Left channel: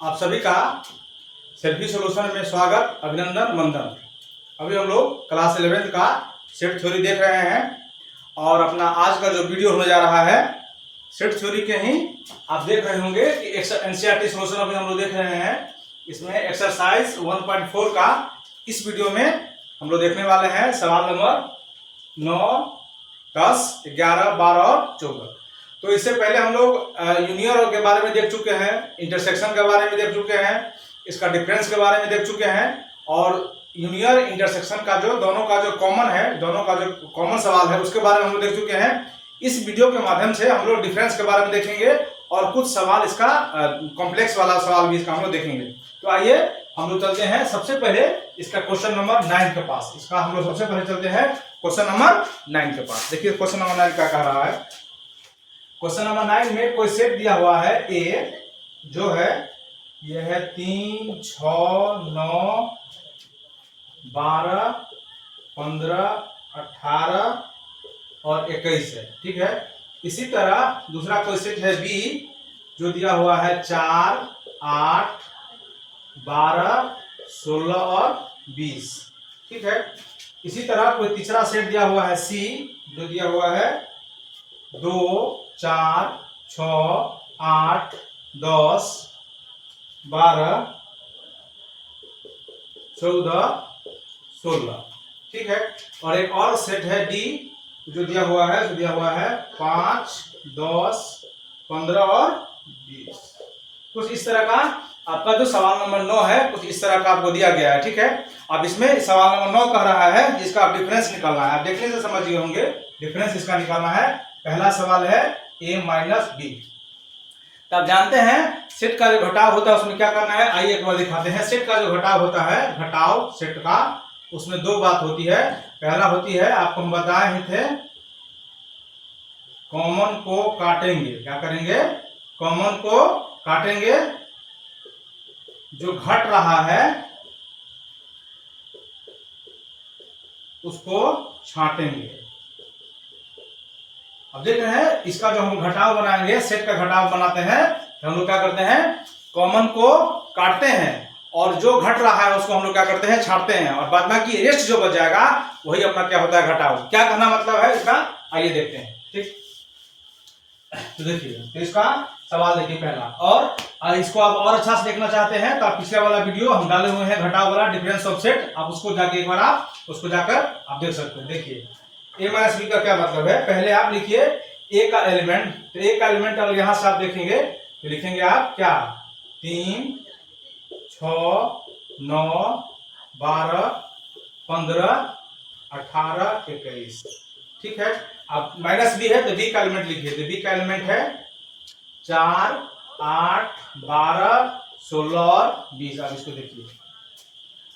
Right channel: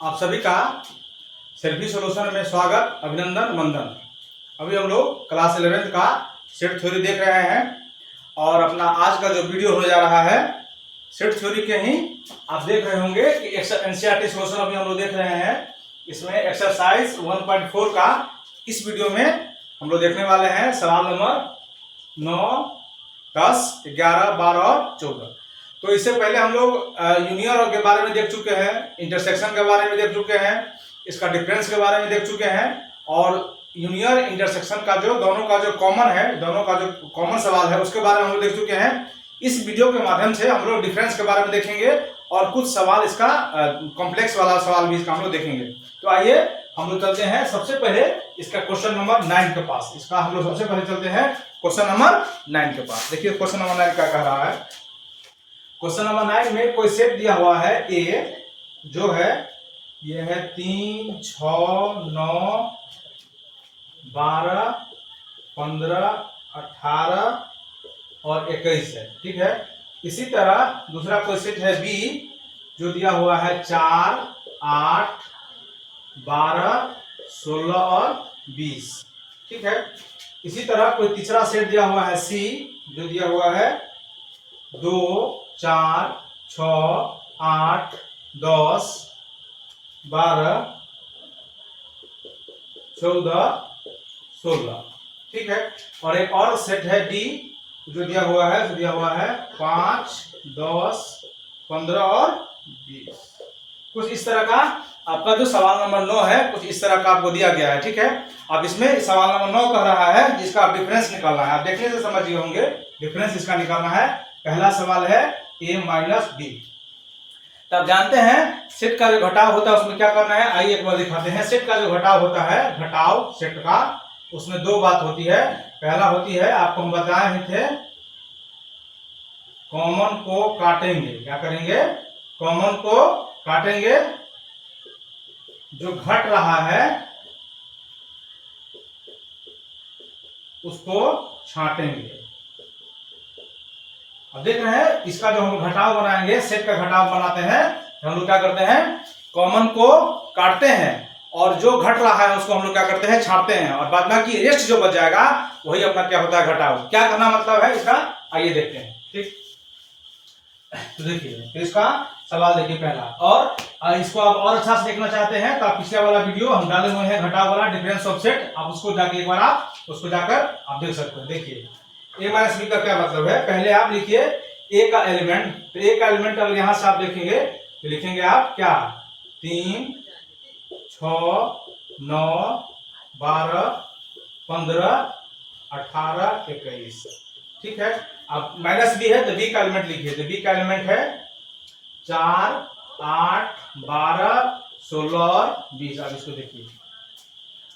आप सभी का सेल्फी सॉल्यूशन में स्वागत, अभिनंदन, वंदन। अभी हम लोग क्लास 11 का सेट थ्योरी देख रहे हैं और अपना आज का जो वीडियो होने जा रहा है सेट थ्योरी के ही आप देख रहे होंगे कि एनसीईआरटी सॉल्यूशन अभी हम लोग देख रहे हैं। इसमें एक्सरसाइज 1.4 का इस वीडियो में हम लोग देखने वाले हैं सवाल नंबर 9, 10, 11, 12 और 14। तो इससे पहले हम लोग यूनियर के बारे में देख चुके हैं, इंटरसेक्शन के बारे में देख चुके हैं, इसका डिफरेंस के बारे में देख चुके हैं और यूनियर इंटरसेक्शन का जो दोनों का जो कॉमन है, दोनों का जो कॉमन सवाल है उसके बारे में हम लोग देख चुके हैं। इस वीडियो के माध्यम से हम लोग डिफरेंस के बारे में देखेंगे और कुछ सवाल इसका कॉम्प्लेक्स वाला सवाल भी इसका हम लोग देखेंगे। तो आइए हम लोग चलते हैं सबसे पहले इसका क्वेश्चन नंबर 9 के पास। इसका हम लोग सबसे पहले चलते हैं क्वेश्चन नंबर 9 के पास। देखिए क्वेश्चन नंबर 9 क्या कह रहा है। क्वेश्चन नंबर 9 में कोई सेट दिया हुआ है ए, जो है ये है 3, 6, 9, 12, 15, 18 और 21 है, ठीक है। इसी तरह दूसरा कोई सेट है बी, जो दिया हुआ है 4, 8, 12, 16 और 20, ठीक है। इसी तरह कोई तीसरा सेट दिया हुआ है सी, जो दिया हुआ है 2, 4, 6, 8, 10, 12, 14, 16, ठीक है। और एक और सेट है डी, जो दिया हुआ है 5, 10, 15 और 20। कुछ इस तरह का आपका जो सवाल नंबर 9 है, कुछ इस तरह का आपको दिया गया है, ठीक है। अब इसमें सवाल नंबर 9 कह रहा है जिसका आप डिफरेंस निकालना है। आप देखने से समझ गए होंगे, डिफरेंस इसका निकालना है। पहला सवाल है a माइनस बी। तब जानते हैं सेट का जो घटाव होता है उसमें क्या करना है। आइए एक बार दिखाते हैं। सेट का जो घटाव होता है, घटाव सेट का, उसमें दो बात होती है। पहला होती है, आपको हम बताए ही थे, कॉमन को काटेंगे। क्या करेंगे? कॉमन को काटेंगे। जो घट रहा है उसको छांटेंगे। अब देख रहे हैं, इसका जो हम घटाव बनाएंगे, सेट का घटाव बनाते हैं, तो हम लोग क्या करते हैं, कॉमन को काटते हैं और जो घट रहा है उसको हम लोग क्या करते हैं, छांटते हैं और बाद बाकी रेस्ट जो बच जाएगा वही अपना क्या होता है, घटाव। क्या कहना मतलब है इसका, आइए देखते हैं, ठीक। तो देखिए, तो इसका सवाल देखिए पहला। और इसको आप और अच्छा से देखना चाहते हैं तो आप पिछले वाला वीडियो हम डाले हुए हैं घटाव वाला, डिफरेंस ऑफ सेट, आप उसको जाके एक बार आप उसको जाकर आप देख सकते हैं। देखिए ए माइनस बी का क्या मतलब है, पहले आप लिखिए ए का एलिमेंट। तो ए का एलिमेंट अगर यहां से आप देखेंगे तो लिखेंगे आप क्या, 3, 6, 9, 12, 15, 18, 21, ठीक है। अब माइनस बी है तो बी का एलिमेंट लिखिए। तो बी का एलिमेंट है 4, 8, 12, 16 और 20। अब इसको देखिए,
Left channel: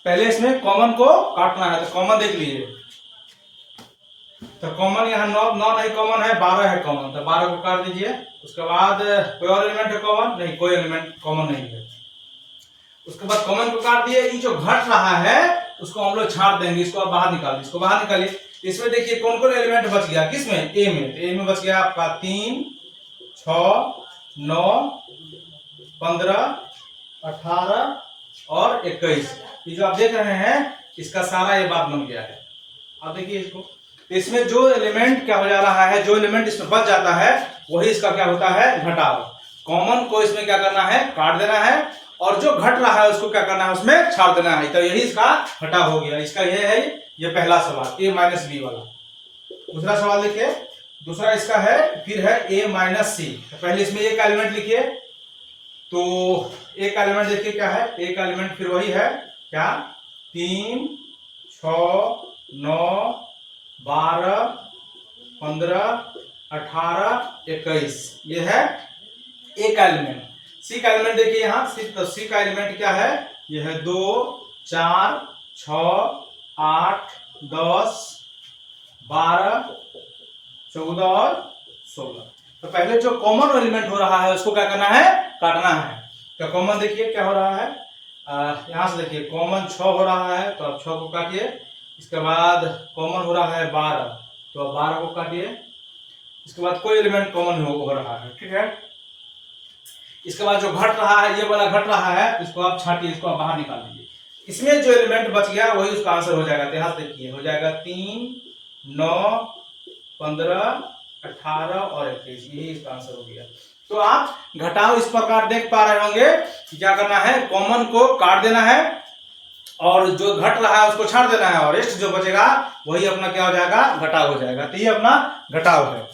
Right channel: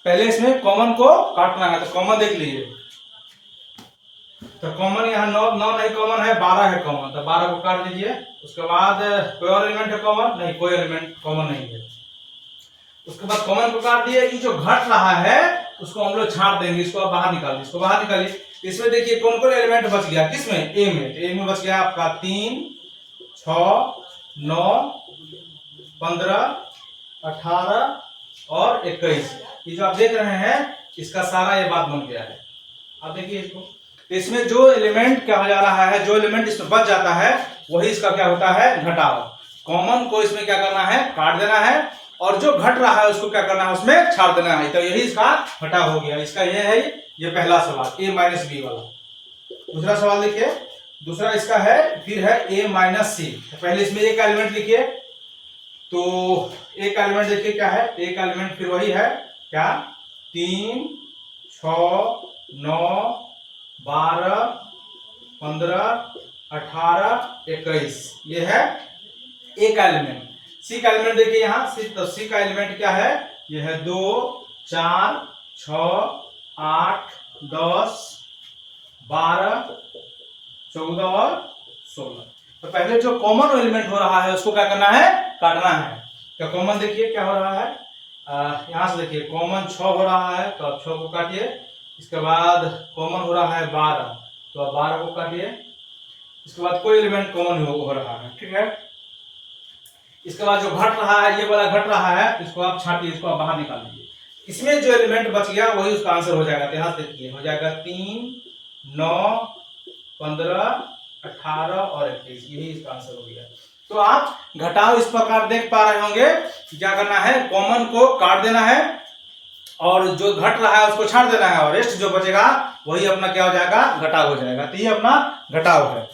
पहले इसमें कॉमन को काटना है, तो कॉमन देख लीजिए। तो कॉमन यहाँ 9 नहीं कॉमन है, 12 है कॉमन, तो 12 को काट दीजिए। उसके बाद कोई और एलिमेंट है कॉमन? नहीं, कोई एलिमेंट कॉमन नहीं है। उसके बाद कॉमन को काट दिए। ये जो घट रहा है उसको हम लोग छांट देंगे, इसको आप बाहर निकाल दीजिए, इसको बाहर निकालिए। इसमें देखिए कौन कौन एलिमेंट बच गया, किसमें, ए में। ए में बच गया आपका 3, 6, 9, 15, 18 और 21। ये जो आप देख रहे हैं इसका सारा ये बात बन गया है। आप देखिए इसको, इसमें जो एलिमेंट क्या हो जा रहा है, जो एलिमेंट इसमें बच जाता है वही इसका क्या होता है, घटाव। कॉमन को इसमें क्या करना है, काट देना है और जो घट रहा है उसको क्या करना है, उसमें छाड़ देना है। तो यही इसका घटाव हो गया। इसका ये है, ये पहला सवाल ए माइनस बी वाला। दूसरा सवाल देखिए, दूसरा इसका है, फिर है ए माइनस सी। पहले इसमें ए का एलिमेंट लिखिए। तो ए का एलिमेंट देखिए क्या है, ए का एलिमेंट फिर वही है क्या, 3, 6, 9, 12, 15, 18, 21, ये है ए का एलिमेंट। सी का एलिमेंट देखिए यहाँ, सी का एलिमेंट क्या है, ये है 2, 4, 6, 8, 10, 12, 14 और 16। तो पहले जो कॉमन एलिमेंट हो रहा है उसको क्या करना है, काटना है। तो कॉमन देखिए क्या हो रहा है, यहां से देखिए कॉमन 6 हो रहा है, तो आप 6 को काटिए। इसके बाद कॉमन हो रहा है 12, तो आप 12 को काटिए। इसके बाद कोई एलिमेंट कॉमन हो रहा है, ठीक है। इसके बाद जो घट रहा है, ये वाला घट रहा है, इसको आप छाटिए, इसको आप बाहर निकाल दीजिए। इसमें जो एलिमेंट बच गया वही उसका आंसर हो जाएगा। तो यहाँ देखिए हो जाएगा 3, 9, 15, 18 और 21, यही इसका आंसर हो गया। तो आप घटाव इस प्रकार देख पा रहे होंगे कि क्या करना है, कॉमन को काट देना है और जो घट रहा है उसको छाड़ देना है, और रेस्ट जो बचेगा वही अपना क्या हो जाएगा, घटाव हो जाएगा। तो ये अपना घटाव है।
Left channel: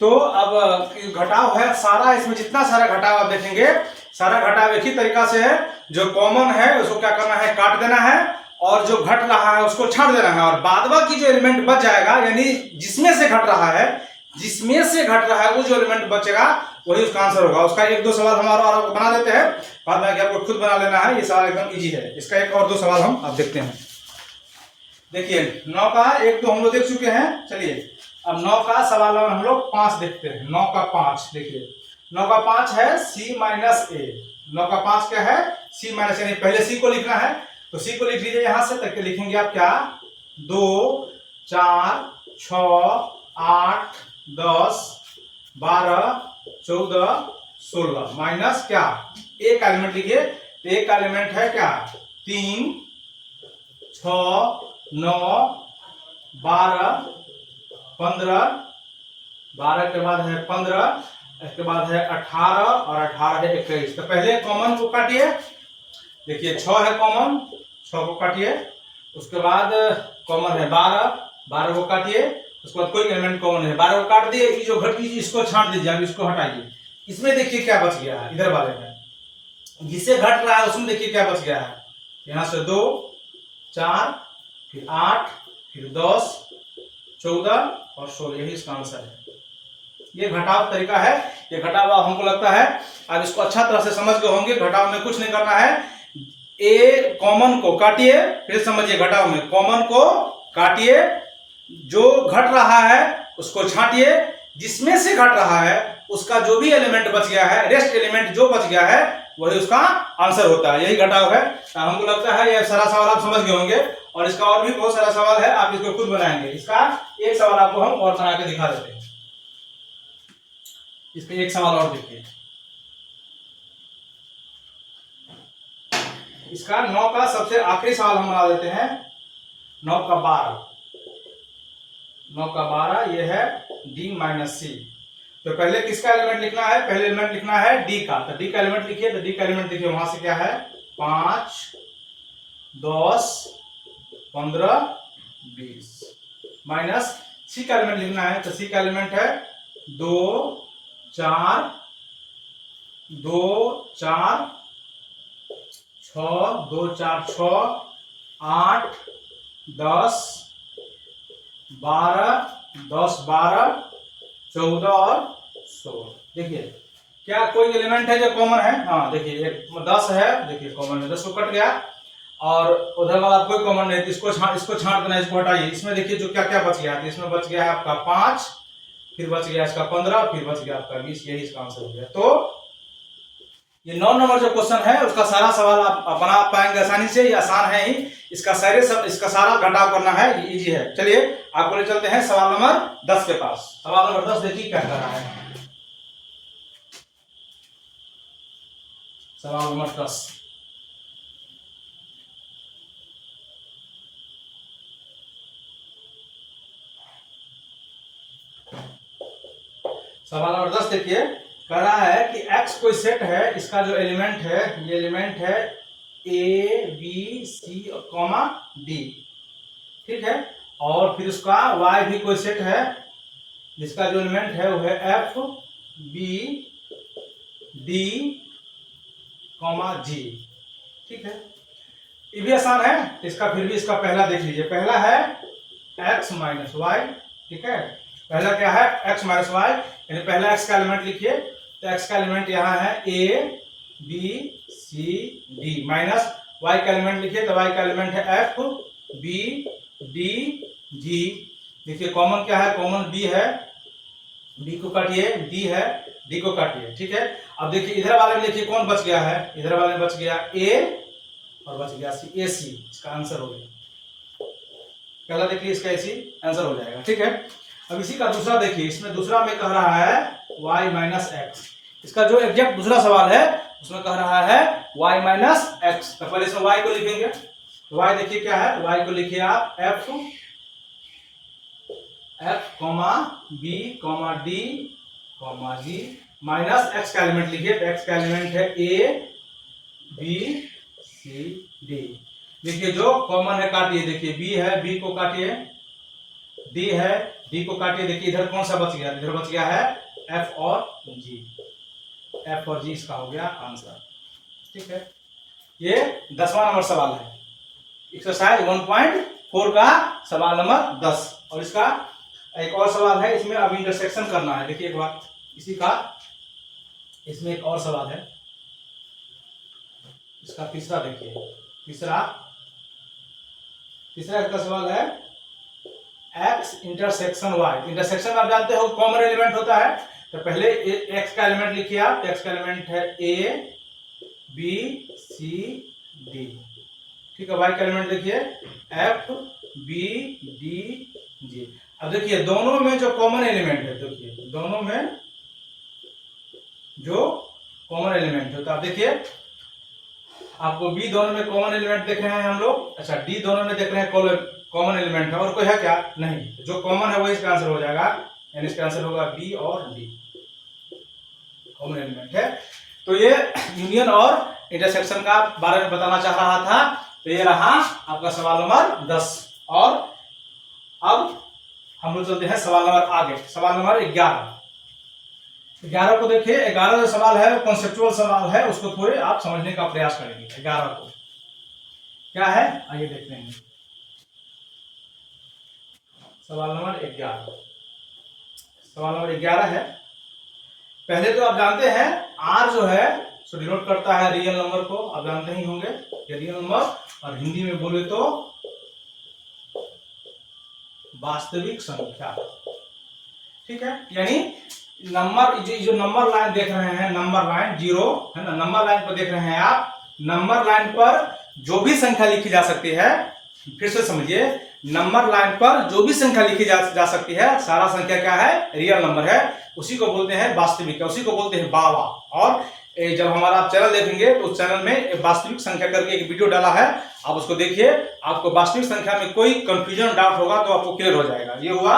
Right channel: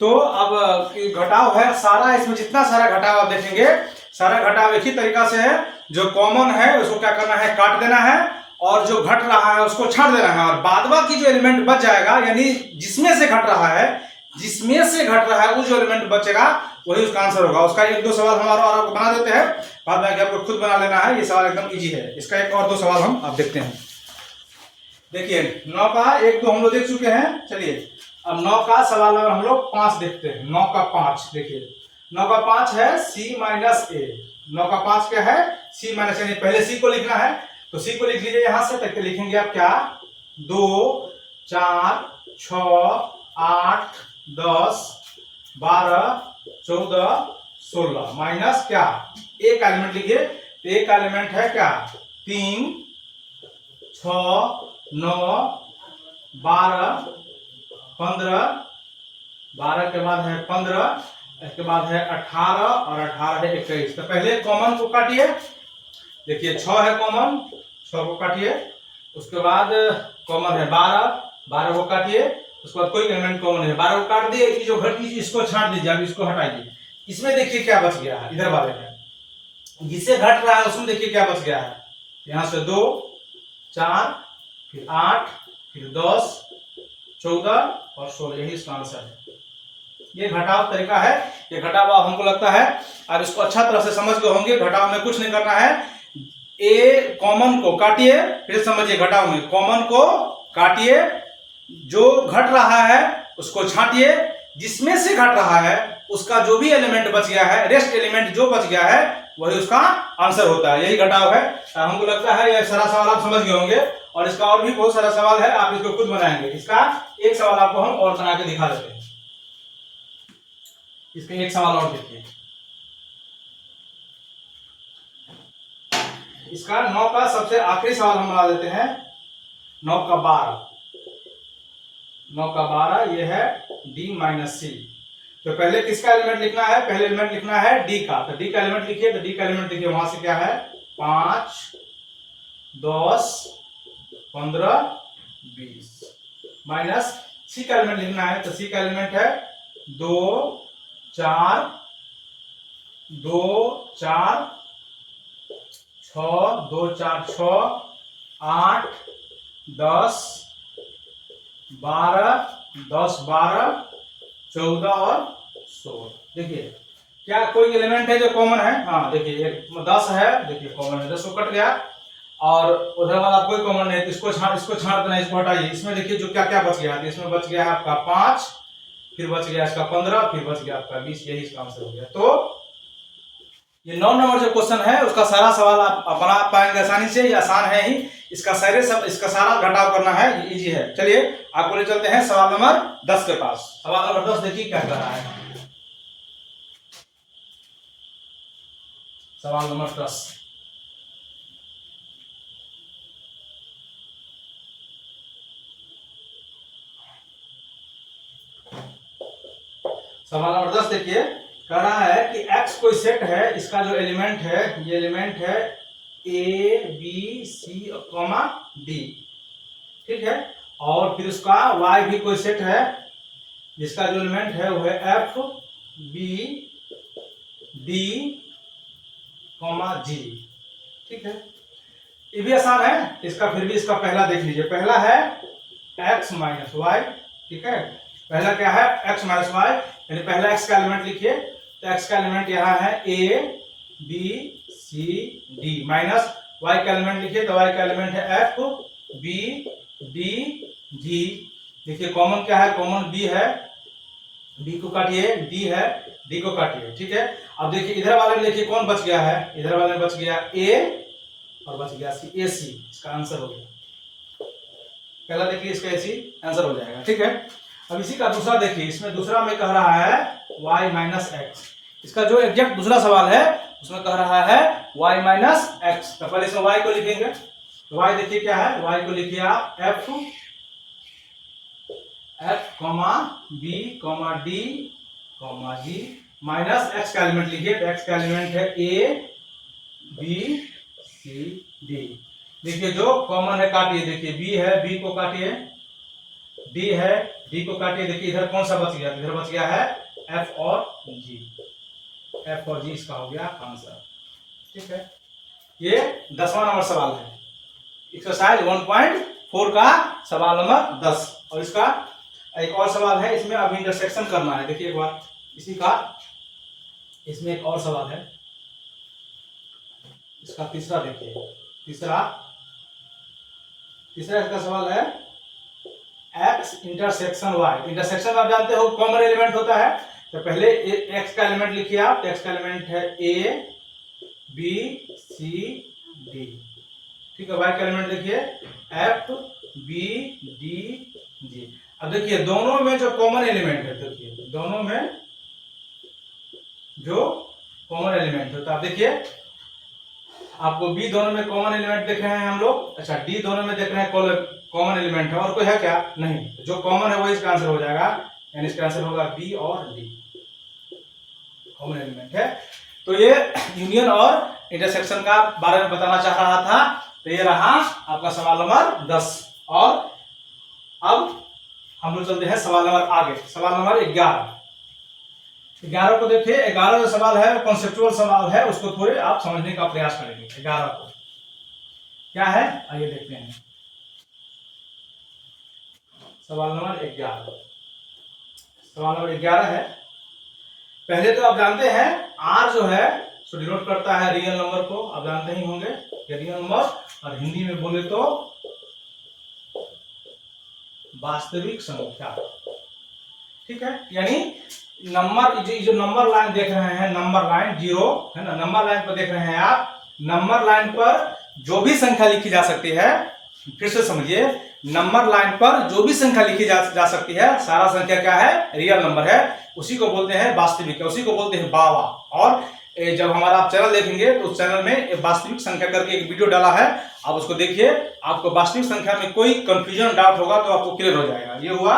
तो अब घटाव है सारा, इसमें जितना सारा घटाव आप देखेंगे, सारा घटाव एक ही तरीका से है। जो कॉमन है उसको क्या करना है, काट देना है, और जो घट रहा है उसको छाड़ देना है, और बाद बाकी जो एलिमेंट बच जाएगा, यानी जिसमें से घट रहा है, वो जो एलिमेंट बचेगा वही उसका आंसर होगा। उसका 1-2 सवाल हमारा और आपको बना देते हैं, बाद में आपको खुद बना लेना है। ये सवाल एकदम इजी है। इसका 1 और 2 सवाल हम आप देखते हैं। देखिए 9 का 1-2 हम लोग देख चुके हैं। चलिए अब 9 का सवाल नंबर हम लोग 5 देखते हैं। 9 का 5 देखिए, 9 का 5 है C माइनस A। 9 का 5 क्या है, C माइनस A। पहले C को लिखना है, तो C को लिख लीजिए यहां से। तक लिखेंगे आप क्या, 2, 4, 6, 8, 10, 12, 14, 16 माइनस क्या, एक एलिमेंट लिखिए। तो एक एलिमेंट है क्या, 3, 6, 9, 12, 15, 12 के बाद है 15, इसके बाद है 18 और 18 है 21। तो पहले कॉमन को काटिए। देखिए 6 है कॉमन, 6 को काटिए। उसके बाद कॉमन है 12, 12 को काटिए। उसके बाद कोई एलिमेंट कॉमन है, 12 को काट दिए। ये जो घट गई इसको छांट दीजिए, अब इसको हटाइए। इसमें देखिए क्या बच गया है, इधर वाले में जिसे घट रहा है उसमें देखिए क्या बच गया है। यहां से 2, 4, फिर 8, फिर 10, 14 और 16, यही इसका आंसर है। ये घटाव तरीका है। ये घटाव हमको लगता है आप इसको अच्छा तरह से समझ गए होंगे। घटाव में कुछ नहीं करना है, ए कॉमन को काटिए, फिर समझिए घटाव में कॉमन को काटिए, जो घट रहा है उसको छांटिए, जिसमें से घट रहा है उसका जो भी एलिमेंट बच गया है, रेस्ट एलिमेंट जो बच गया है वही उसका आंसर होता है। यही घटाव है। हमको लगता है ये सारा सवाल आप समझ गए होंगे, और इसका और भी बहुत सारा सवाल है, आप इसको खुद बनाएंगे। इसका एक सवाल आपको हम और बना के दिखा देते हैं। इसका एक सवाल और देखिए। इसका 9 का सबसे आखिरी सवाल हम बना देते हैं। 9 का 12, 9 का 12 ये है D माइनस C। तो पहले किसका एलिमेंट लिखना है, पहले एलिमेंट लिखना है D का। तो D का एलिमेंट लिखिए। तो D का एलिमेंट देखिए वहां से क्या है, 5, 10, 15, 20 माइनस C का एलिमेंट लिखना है। तो C का एलिमेंट है 2, 4, 2, 4, 6, 2, 4, 6, 8, 10, 12, 10, 12, 14 और 16। देखिए क्या कोई एलिमेंट है जो कॉमन है, हाँ देखिए 10 है, देखिए कॉमन है, 10 को कट गया, और उधर वाला कोई कॉमन नहीं, तो इसको छांट देना, इसको हटाइए। इसमें देखिए जो क्या क्या बच गया है, इसमें बच गया है आपका 5, फिर बच गया इसका 15, फिर बच गया आपका 20, यही इसका आंसर हो गया। तो ये 9 नंबर जो क्वेश्चन है उसका सारा सवाल आप बना पाएंगे आसानी से, ये आसान है ही। इसका सारा घटाव करना है, ये इजी है। चलिए आपको ले चलते हैं सवाल नंबर 10 के पास। सवाल नंबर 10 देखिए क्या कर रहा है। सवाल नंबर 10, सवाल नंबर 10 देखिए, कह रहा है कि x कोई सेट है, इसका जो एलिमेंट है, ये एलिमेंट है A, B, C comma D, ठीक है। और फिर उसका y भी कोई सेट है, जिसका जो एलिमेंट है वो है F, B, D comma G, ठीक है। ये भी आसान है इसका, फिर भी इसका पहला देख लीजिए। पहला है x माइनस वाई, ठीक है। पहला क्या है, x माइनस वाई, यानी पहला x का एलिमेंट लिखिए। तो x का एलिमेंट यहाँ है A, B, C, D minus y का एलिमेंट लिखिए। तो y का एलिमेंट है F, B, D, G। देखिए कॉमन क्या है, कॉमन B है, B को काटिए, D है, D को काटिए, ठीक है। अब देखिए इधर वाले में देखिए कौन बच गया है, इधर वाले में बच गया A और बच गया C, AC इसका आंसर हो गया। पहला देखिए इसका AC आंसर हो जाएगा, ठीक है। अब इसी का दूसरा देखिए, इसमें दूसरा में कह रहा है y माइनस एक्स। इसका जो एग्जैक्ट दूसरा सवाल है उसमें कह रहा है y माइनस एक्स। तो पहले इसमें y को लिखेंगे, तो y देखिए क्या है, y को लिखिए आप f comma b comma d comma g minus x का एलिमेंट लिखिए, तो x का एलिमेंट है a b c d। देखिए जो कॉमन है काटिए, देखिए b है, b को काटिए, d है, d को काटिए, देखिए इधर कौन सा बच गया, इधर बच गया है f और g, f और g इसका हो गया आंसर। ठीक है, ये 10वां नंबर सवाल है, एक्सरसाइज 1.4 का सवाल नंबर 10। और इसका एक और सवाल है, इसमें अब इंटरसेक्शन करना है। देखिए एक बार इसी का, इसमें एक और सवाल है, इसका तीसरा देखिए, तीसरा इसका सवाल है x इंटरसेक्शन y। इंटरसेक्शन आप जानते हो कॉमन एलिमेंट होता है, तो पहले x का एलिमेंट लिखिए आप, x का एलिमेंट है a b c d। ठीक है, y का एलिमेंट देखिए f b d g। अब देखिए दोनों में जो कॉमन एलिमेंट है, देखिए दोनों में जो कॉमन एलिमेंट है, तो आप देखिए आपको b दोनों में कॉमन एलिमेंट देख रहे हैं हम लोग, अच्छा d दोनों में देख रहे हैं कॉमन एलिमेंट है, और कोई है क्या, नहीं, जो कॉमन है वही इसका आंसर हो जाएगा, यानी इसका आंसर होगा b और d, कॉमन एलिमेंट है। तो ये यूनियन और इंटरसेक्शन का बारे में बताना चाह रहा था। तो ये रहा आपका सवाल नंबर 10। और अब हम लोग चलते हैं सवाल नंबर आगे, सवाल नंबर 11 को देखिए। 11 जो सवाल है कॉन्सेप्चुअल सवाल है, उसको थोड़े आप समझने का प्रयास करेंगे। 11 को क्या है आइए देखते हैं। सवाल नंबर 11, सवाल नंबर 11 है। पहले तो आप जानते हैं R जो है सो डिनोट करता है रियल नंबर को, आप जानते ही होंगे रियल नंबर, और हिंदी में बोले तो वास्तविक संख्या। ठीक है, यानी नंबर जो नंबर लाइन देख रहे हैं, नंबर लाइन 0 है ना, नंबर लाइन पर देख रहे हैं आप, नंबर लाइन पर जो भी संख्या लिखी जा सकती है, फिर से समझिए, नंबर लाइन पर जो भी संख्या लिखी जा सकती है, सारा संख्या क्या है, रियल नंबर है, उसी को बोलते हैं वास्तविक, उसी को बोलते हैं बावा। और जब हमारा आप चैनल देखेंगे तो उस चैनल में वास्तविक संख्या करके एक वीडियो डाला है, आप उसको देखिए, आपको वास्तविक संख्या में कोई कंफ्यूजन डाउट होगा तो आपको क्लियर हो जाएगा। ये हुआ,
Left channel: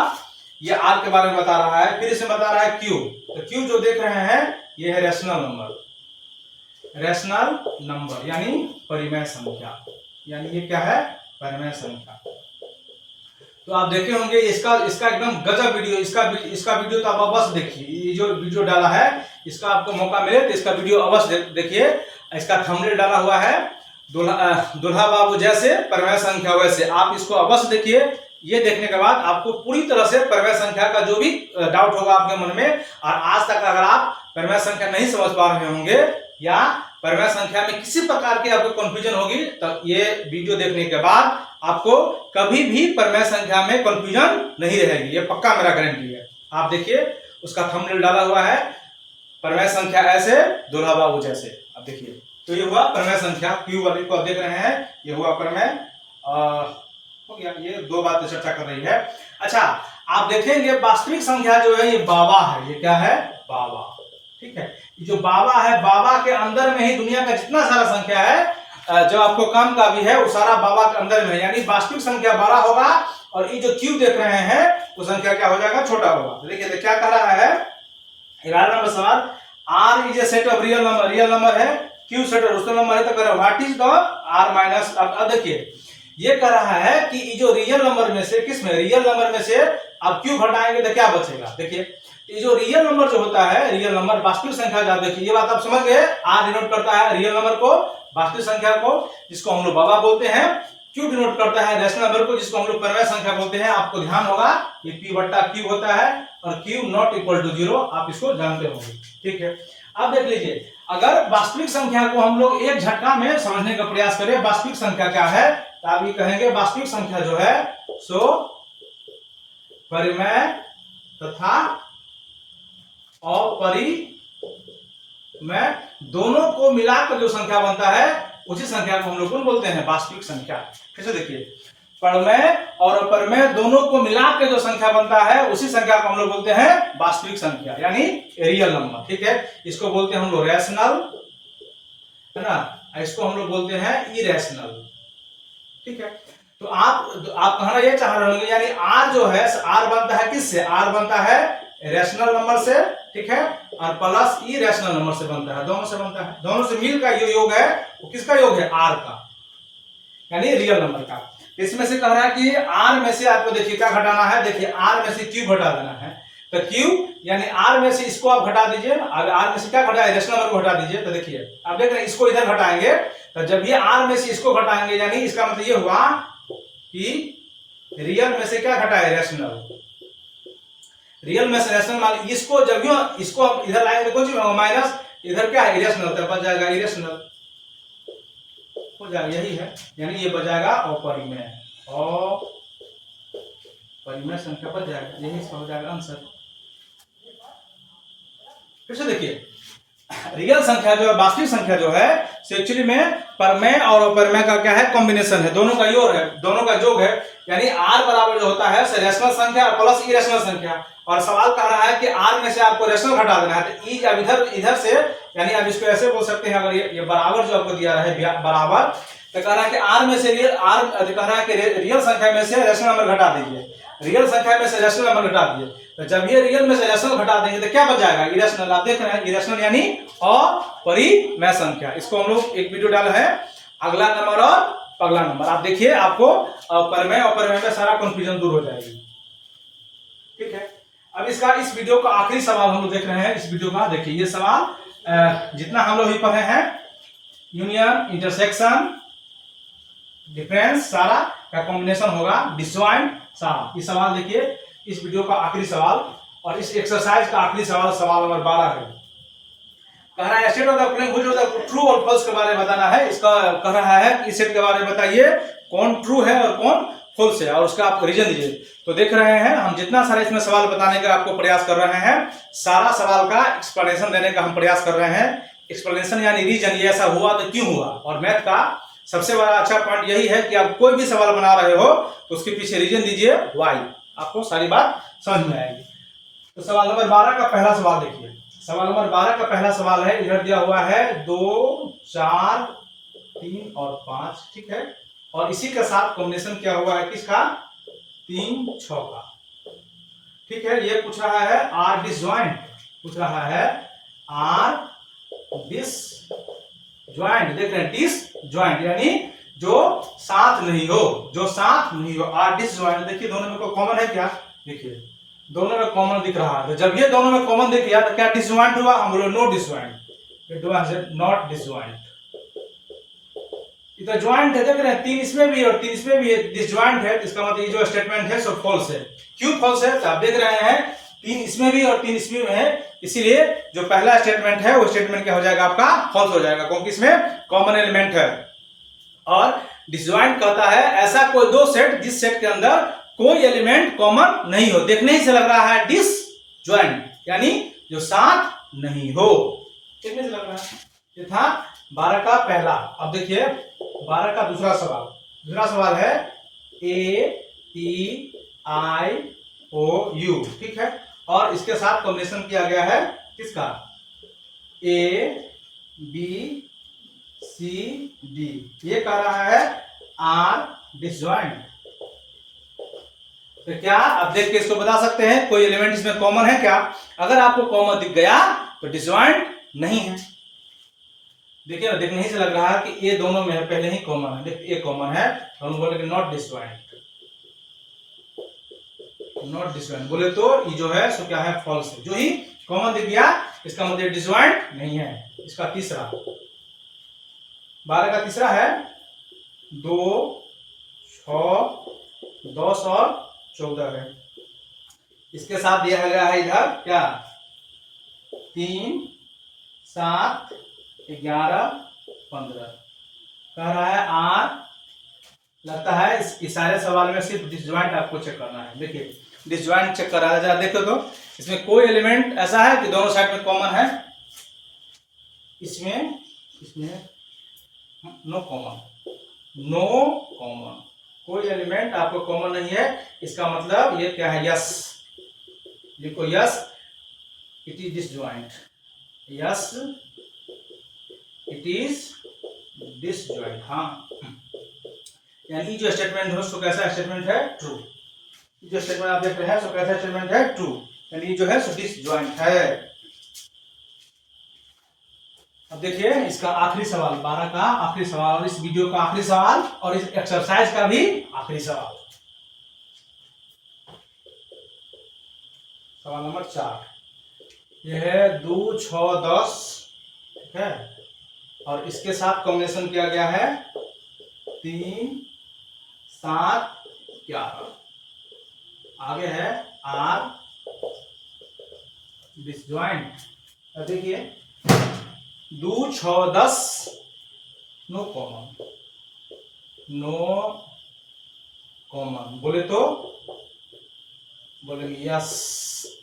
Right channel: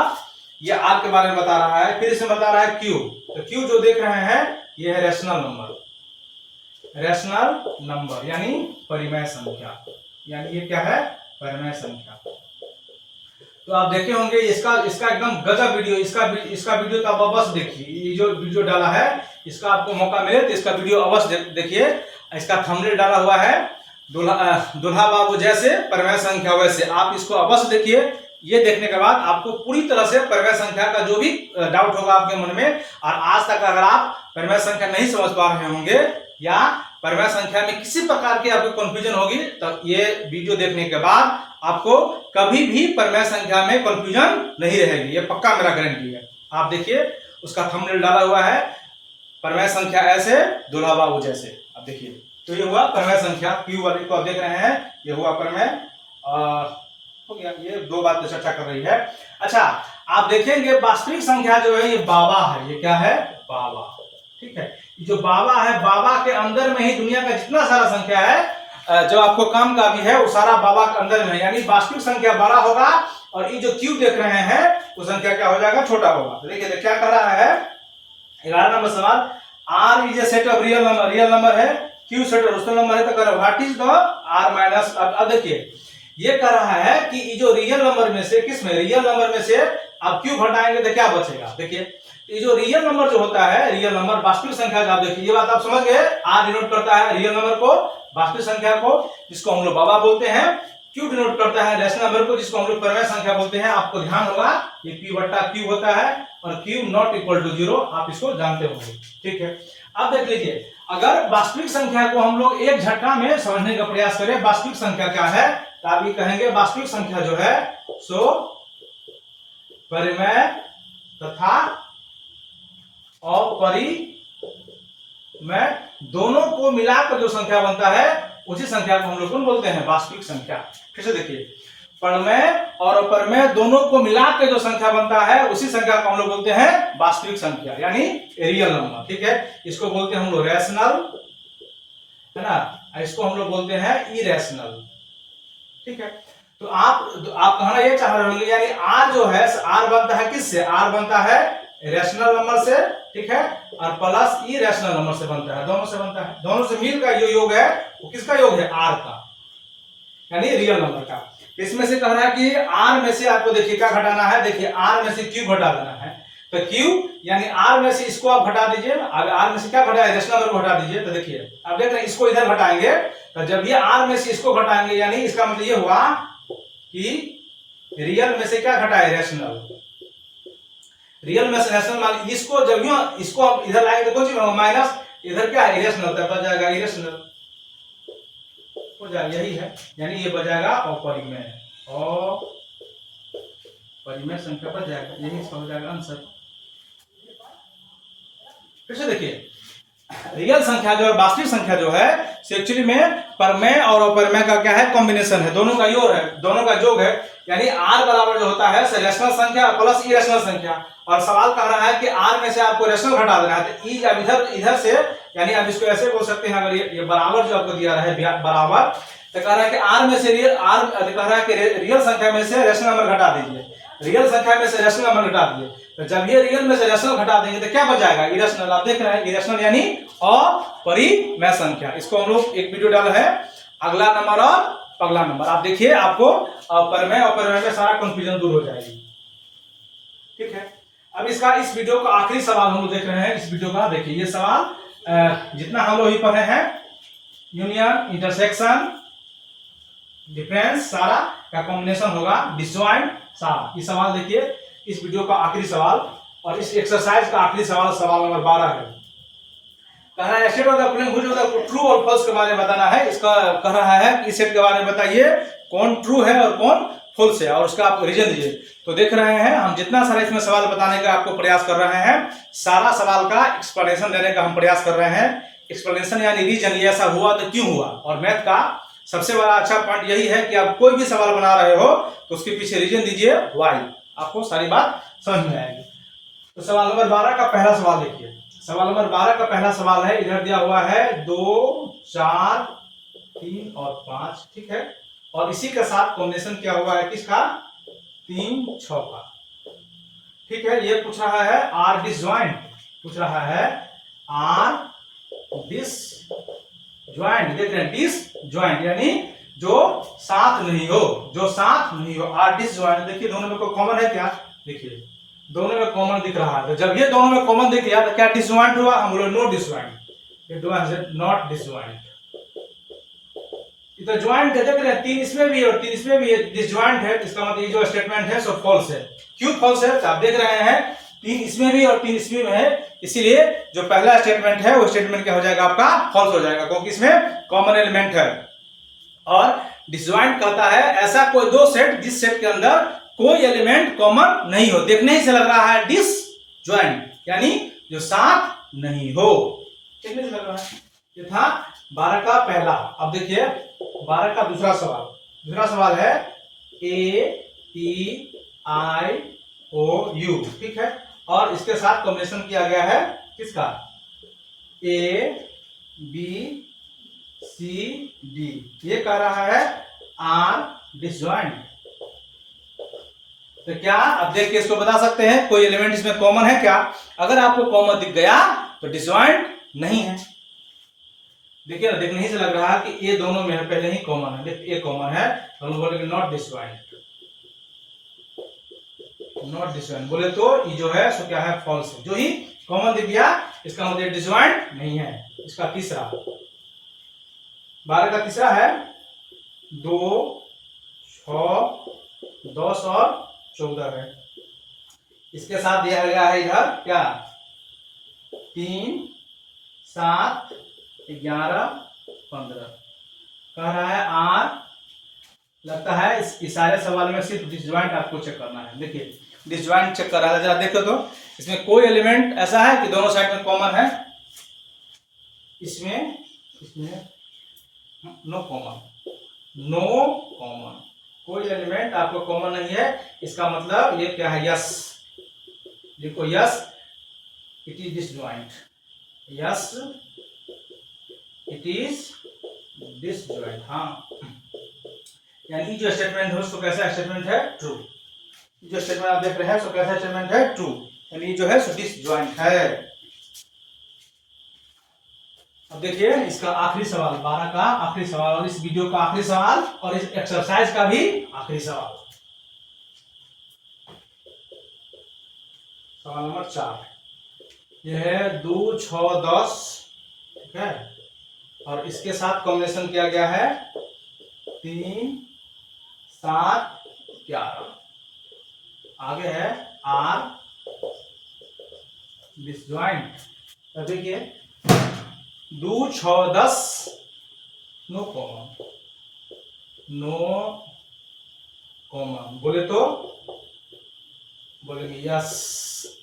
ये आर के बारे में बता रहा है। फिर इसे बता रहा है क्यू, तो क्यू जो देख रहे हैं ये है रेशनल नंबर, रेशनल नंबर यानी परिमेय संख्या, यानी ये क्या है, परिमेय संख्या। तो आप देखे होंगे इसका एकदम गजब वीडियो, इसका वीडियो तो आप अवश्य देखिए, ये जो वीडियो डाला है इसका आपको मौका मिले तो इसका वीडियो अवश्य देखिए। इसका थंबनेल डाला हुआ है दुल्हा बाबू जैसे परिमेय संख्या वैसे, आप इसको अवश्य देखिए। ये देखने के बाद आपको पूरी तरह से परिमेय संख्या का जो भी डाउट होगा आपके मन में, और आज तक अगर आप परिमेय संख्या नहीं समझ पा रहे होंगे या परिमेय संख्या में किसी प्रकार की आपको कंफ्यूजन होगी, तो ये वीडियो देखने के बाद आपको कभी भी परिमेय संख्या में कंफ्यूजन नहीं रहेगी, ये पक्का मेरा गारंटी है। आप देखिए उसका थंबनेल डाला हुआ है, परिमेय संख्या ऐसे दुल्हा बाबू जैसे, आप देखिए। तो ये हुआ परिमेय संख्या, क्यू वाले को आप देख रहे हैं, ये हुआ परिमेय हो गया। ये दो बातें चर्चा कर रही है। अच्छा, आप देखेंगे वास्तविक संख्या जो है ये बाबा है, ये क्या है, बाबा। ठीक है, जो बाबा है, बाबा के अंदर में ही दुनिया का जितना सारा संख्या है जो आपको काम का भी है वो सारा बाबा के अंदर में है, यानी वास्तविक संख्या बड़ा होगा और ये जो क्यू देख रहे हैं वो संख्या क्या हो जाएगा, छोटा होगा। तो देखिए क्या कह रहा है 11 नंबर सवाल, R is a set of real number, real number है, Q set of rational number है, तो कह what is the R minus. अब देखिए ये कह रहा है कि ये जो रियल नंबर में से, किस में, रियल नंबर में से आप क्यू घटाएंगे तो क्या बचेगा। देखिए ये जो रियल नंबर जो होता है, रियल नंबर वास्तविक संख्या जो, आप देखिए ये बात आप समझ गए, आर डिनोट करता है रियल नंबर को, वास्तविक संख्या को, जिसको हम लोग बाबा बोलते हैं, क्यू डिनोट करता है रेशनल नंबर को, जिसको हम लोग परिमेय संख्या बोलते हैं। आपको ध्यान होगा ये पी बट्टा क्यू होता है और क्यू नॉट इक्वल टू 0, आप इसको जानते होंगे। ठीक है, अब देख लीजिए, अगर वास्तविक संख्या को हम लोग एक झटका में समझने का प्रयास करें, वास्तविक संख्या क्या है, तो आप ये कहेंगे वास्तविक संख्या जो है सो परिमेय तथा अपरिमेय दोनों को मिलाकर जो संख्या बनता है उसी संख्या को हम लोग बोलते हैं वास्तविक संख्या। फिर से देखिए, परमेय और अपरमेय दोनों को मिला के जो संख्या बनता है उसी संख्या को हम लोग बोलते हैं वास्तविक संख्या यानी रियल नंबर। ठीक है, इसको बोलते हैं हम लोग रैशनल, है ना, इसको हम लोग बोलते हैं इरेशनल। ठीक है, तो आप कहना ये चाह रहे होंगे यानी आर जो है आर बनता है किससे? आर बनता है रैशनल नंबर से, ठीक है, और प्लस इरेशनल नंबर से बनता है, दोनों से बनता है। दोनों से मिल का जो योग है वो किसका योग है? आर का, यानी रियल नंबर का। इसमें से कह रहा है कि आर में से आपको देखिए क्या घटाना है, देखिए आर में से क्यू घटा देना है। तो क्यू यानी आर में से इसको आप घटा दीजिए, आर में से क्या घटाए? रैशनल नंबर को घटा दीजिए। तो देखिए आप देख रहे हैं इसको इधर घटाएंगे, तो जब ये आर में से इसको घटाएंगे यानी इसका मतलब ये हुआ कि रियल में से क्या घटाए? रैशनल। रियल में से रैशनल मान इसको जब इसको हम इधर लाएंगे कौन सी माइनस, इधर क्या है? इरेशनल, तो बच जाएगा इरेशनल हो जाएगा, यही है, यानी ये बजाएगा अपरिमेय, अपरिमेय संख्या बच जाएगा, यही इसका हो जाएगा आंसर। फिर से देखिए रियल संख्या जो है, वास्तविक संख्या जो है एक्चुअली में परमेय और अपरमेय का क्या है? कॉम्बिनेशन है, दोनों का योग है, दोनों का योग है। यानी आर बराबर जो होता है रैशनल संख्या प्लस इरेशनल संख्या। और सवाल कह रहा है कि आर में से आपको रैशनल घटा देना है, तो ई अब इधर से, यानी अब इसको ऐसे बोल सकते हैं, अगर ये बराबर जो आपको दिया है बराबर, तो कह रहा है कि आर में से कह रहा है कि रियल संख्या में से रैशनल नंबर घटा दीजिए, रियल संख्या में से रैशनल नंबर घटा दीजिए। तो जब ये रियल में से रैशनल घटा देंगे तो क्या बच जाएगा? इरेशनल। आप देख रहे हैं इरेशनल यानी अपरिमेय संख्या। इसको हम लोग एक वीडियो डाला है, अगला नंबर और पगला नंबर, आप देखिए, आपको परमेय अपरिमेय में सारा कंफ्यूजन दूर हो जाएगी। ठीक है, अब इस वीडियो का आखिरी सवाल हम लोग देख रहे हैं। इस वीडियो का देखिए, ये सवाल जितना हम लोग अभी पढ़े हैं, यूनियन, इंटरसेक्शन, डिफरेंस, सारा का कॉम्बिनेशन होगा, डिसजॉइंट, सारा। ये सवाल देखिए, इस वीडियो का आखिरी सवाल और इस एक्सरसाइज का आखिरी सवाल, सवाल नंबर 12 है। कह रहा है state of the following which of the true और फॉल्स के बारे में बताना है। इसका कह रहा है इस सेट के बारे में बताइए कौन ट्रू है और कौन फॉल्स है, और उसका आप रीजन दीजिए। तो देख रहे हैं हम जितना सारा इसमें सवाल बताने का आपको प्रयास कर रहे हैं, सारा सवाल का एक्सप्लेनेशन देने का हम प्रयास कर रहे हैं। एक्सप्लेनेशन यानी रीजन, ये ऐसा हुआ तो क्यों हुआ। और मैथ का सबसे बड़ा अच्छा पॉइंट यही है कि आप कोई भी सवाल बना रहे हो तो उसके पीछे रीजन दीजिए, व्हाई, आपको सारी बात समझ में आएगी। तो सवाल नंबर 12 का पहला सवाल देखिए। सवाल नंबर 12 का पहला सवाल है, इधर दिया हुआ है 2, 4, 3 और 5, ठीक है, और इसी के साथ कॉम्बिनेशन क्या हुआ है किसका? 3, 6 का। ठीक है, ये पूछ रहा है आर डिसजॉइंट, पूछ रहा है आर डिसजॉइंट, देख रहे हैं डिसजॉइंट यानी जो साथ नहीं हो, जो साथ नहीं हो, आर डिसजॉइंट। देखिए दोनों में कोई कॉमन है क्या? देखिए दोनों में कॉमन दिख रहा है, तो जब ये दोनों में कॉमन दिख गया तो क्या डिसजॉइंट हुआ? हम बोले no disjoint, it was not disjoint. इधर जॉइंट है, देख रहे हैं 3 इसमें भी और 3 इसमें भी है, डिसजॉइंट है, इसका मतलब ये जो स्टेटमेंट है सो फॉल्स है। क्यों फॉल्स है? तो आप देख रहे हैं 3 इसमें भी और 3 इसमें भी है, इसीलिए जो पहला स्टेटमेंट है वो स्टेटमेंट क्या हो जाएगा? आपका फॉल्स हो जाएगा, क्योंकि इसमें कॉमन एलिमेंट है। और डिसजॉइंट कहता है ऐसा कोई दो सेट जिस सेट के अंदर कोई एलिमेंट कॉमन नहीं हो। देखने ही से लग रहा है डिसजॉइंट यानी जो साथ नहीं हो, देखने से लग रहा है। ये था 12 का पहला। अब देखिए 12 का दूसरा सवाल। दूसरा सवाल है AEIOU, ठीक है, और इसके साथ कॉम्बिनेशन किया गया है किसका? ABCD। ये कह रहा है आर डिसजॉइंट। तो क्या अब देख के इसको बता सकते हैं कोई एलिमेंट इसमें कॉमन है क्या? अगर आपको कॉमन दिख गया तो डिसजॉइंट नहीं है। देखिए ना, देखने ही से लग रहा है कि ये दोनों में पहले ही कॉमन है। देखिए ये कॉमन है, हम बोलेंगे नॉट डिसजॉइंट, नॉट डिसजॉइंट बोले तो ये जो है सो क्या है? फॉल्स है। जो ही कॉमन दिख गया इसका मतलब डिसजॉइंट नहीं है। इसका तीसरा 12 का तीसरा है 2, 6, 10 और 14 है। इसके साथ दिया गया है इधर क्या? 3, 7, 11, 15। कह रहा है आर, लगता है इस सारे सवाल में सिर्फ डिसजॉइंट आपको चेक करना है। देखिए डिसजॉइंट चेक कर रहा है, जरा देखो तो इसमें कोई एलिमेंट ऐसा है कि दोनों साइड में कॉमन है? इसमें नो कॉमन, नो कॉमन, कोई एलिमेंट आपको कॉमन नहीं है, इसका मतलब ये क्या है, यस। लिखो yes it is disjoint, yes it is disjoint. हाँ, यानी जो स्टेटमेंट है उसको कैसा स्टेटमेंट है, ट्रू। जो स्टेटमेंट आप देख रहे हैं सो कैसा स्टेटमेंट है, ट्रू, यानी जो है सो डिसजॉइंट है। अब देखिए इसका आखिरी सवाल, 12 का आखिरी सवाल, और इस वीडियो का आखिरी सवाल, और इस एक्सरसाइज का भी आखिरी सवाल। सवाल नंबर 4, यह है 2, 6, 10, ठीक है, और इसके साथ कॉम्बिनेशन किया गया है 3, 7, 11। आगे है आर डिसजॉइंट। देखिए 2, 6, 10 नो कॉमन, नो कॉमन बोले तो बोलेंगे यस,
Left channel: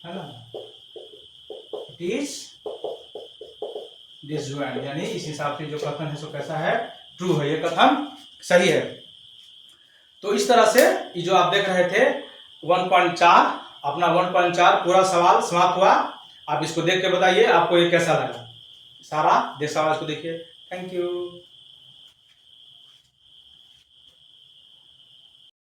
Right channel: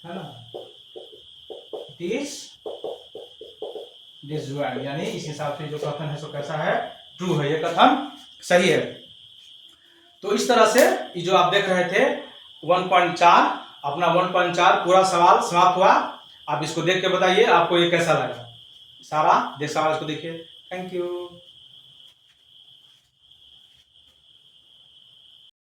है ना, इट इज डिसजॉइंट, यानी इस हिसाब से जो कथन है सो कैसा है, ट्रू है, ये कथन सही है। तो इस तरह से ये जो आप देख रहे थे 1.4, अपना 1.4 पूरा सवाल समाप्त हुआ। आप इसको देख के बताइए आपको ये कैसा लगा, सारा सवाल इसको देखिए। Thank you.